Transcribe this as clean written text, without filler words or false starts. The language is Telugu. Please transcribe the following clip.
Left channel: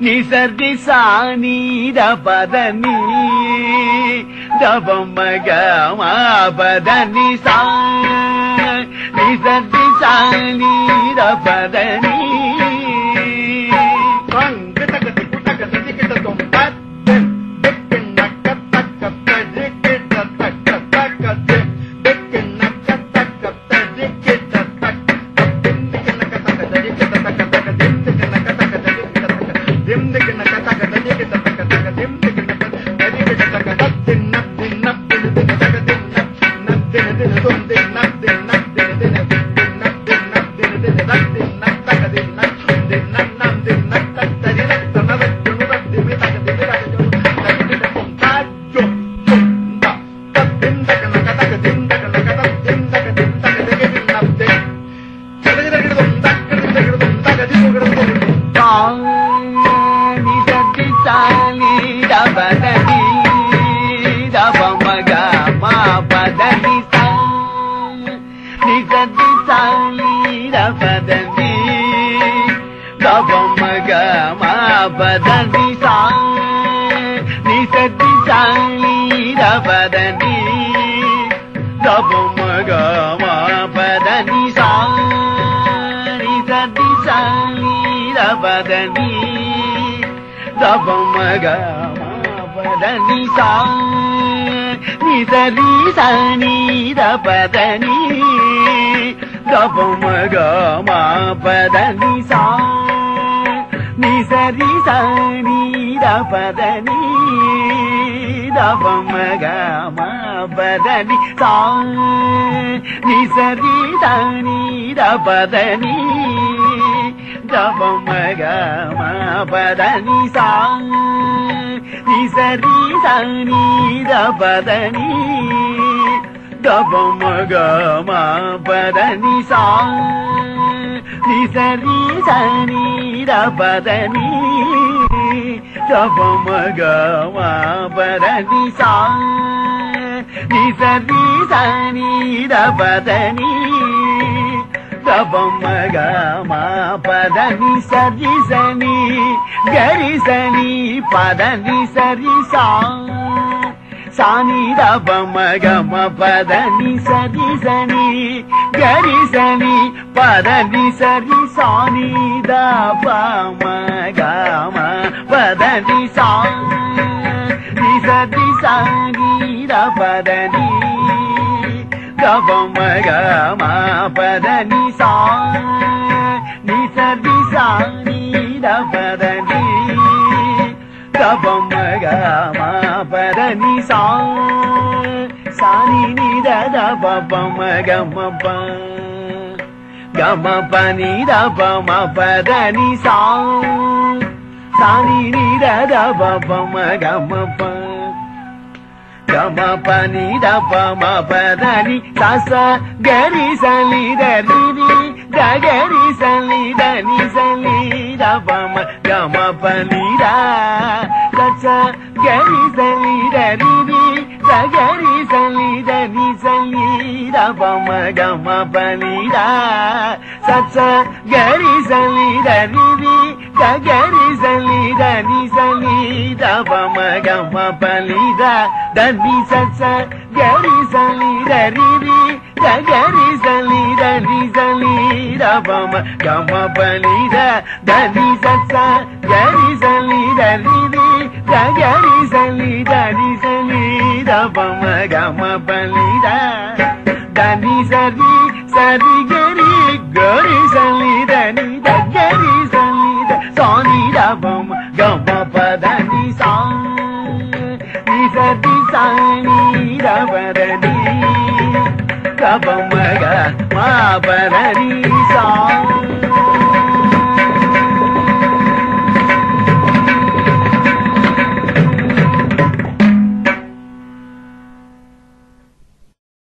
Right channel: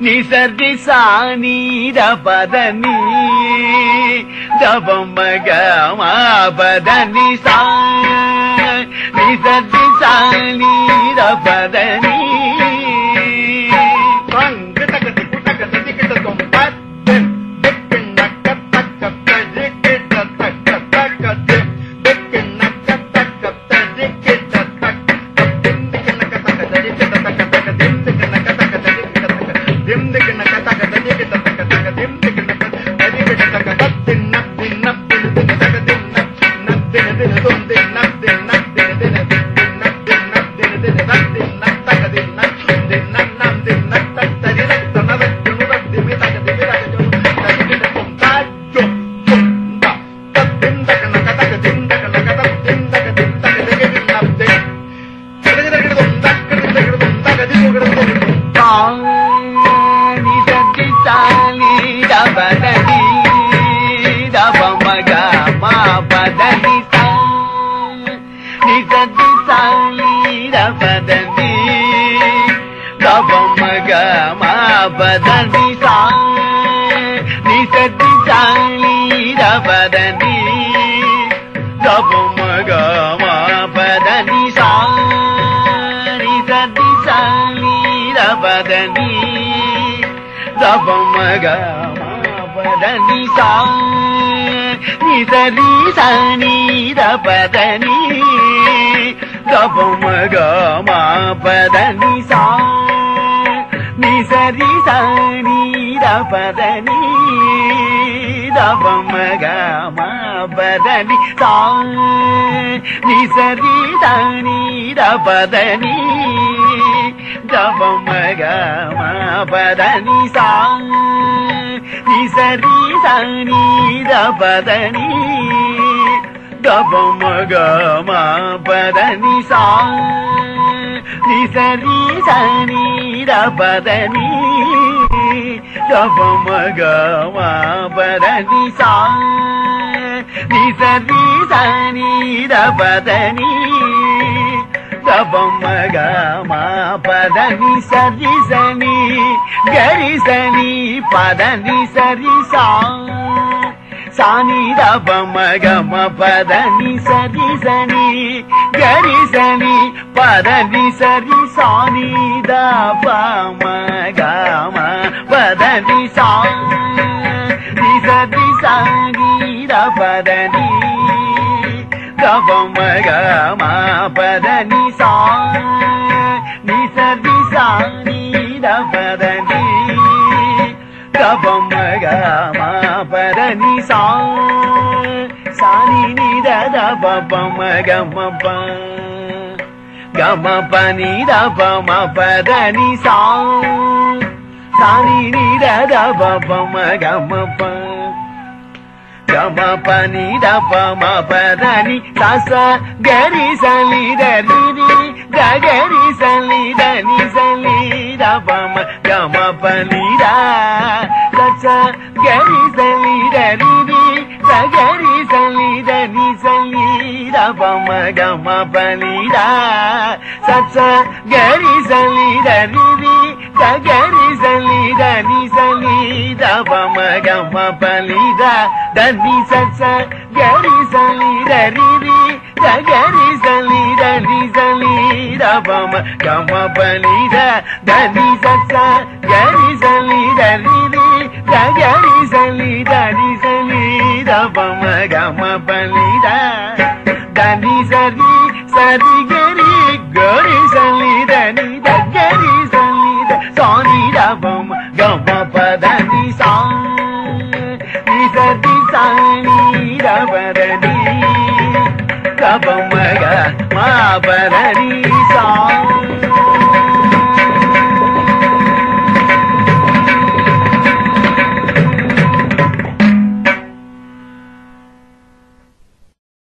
నిసర్గి సాని దపదని దపమగ మా పదని సా నిసర్గి సాని దపదని సాని దపమగమ పదని సరి సని గరి సని పదని సరి సాని దపమగమ పదని సాని సరి సాని దపదని దపమగమ పదని సాని సరి సాని దపదని దపమగమ పదని సాని నిద దపమగమ ప గమ పని దపమ పదని సాని నిద దపమగమ ప గమ పని దపమ పదని సస గరి సలి దని గరి సలి దని సలి దపమ గమ పని దా సచ గరి సలి దని గరి సలి దని సలి దపమ గమ పని దా సచ గరి సలి దని గరి సలి దని సలి దపమ గమ పని దా దని సచ గరి సలి దని గరి సలి దని సలి దపమ గమ పని దా దని సచ గరి సలి దని గరి సలి దని సలి దపమ గమ పని దా దని సరి సరి గరి గరి సలి దని గరి సలి సాని దపమ గమ పదని సాని సరి సాని దపదని దపమ గమ పదని సా